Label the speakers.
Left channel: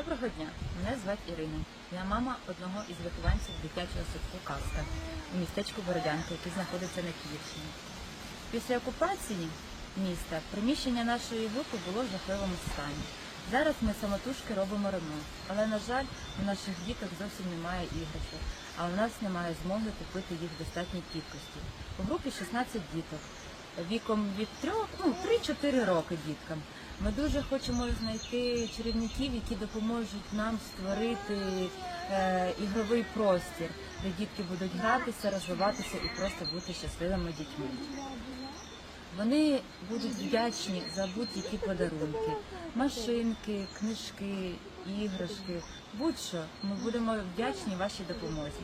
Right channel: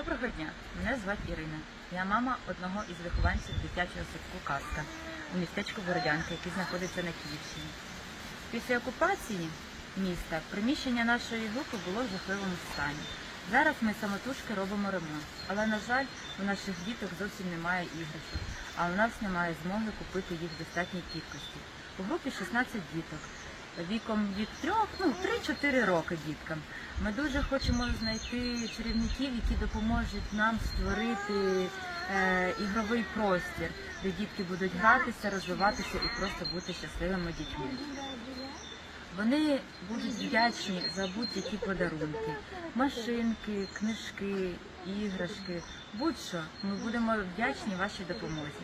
Speaker 1: Доброго дня, мене звати Ірина. Я мама одного із вихованців дитячого садку Казка у містечку Бородянка, який знаходиться на Київщині. Після окупації міста приміщення нашої групи було в жахливому стані. Зараз ми самотужки робимо ремонт, але на жаль, у наших діток зовсім немає іграшок, а у нас немає змоги купити їх в достатній кількості. У групі 16 діток віком від 3, ну 3-4 роки діткам. Ми дуже хочемо знайти чарівників, які допоможуть нам створити е, ігровий простір, де дітки будуть гратися, розвиватися і просто бути щасливими дітьми. Вони будуть вдячні за будь-які подарунки, машинки, книжки, іграшки, будь-що. Ми будемо вдячні вашій допомозі.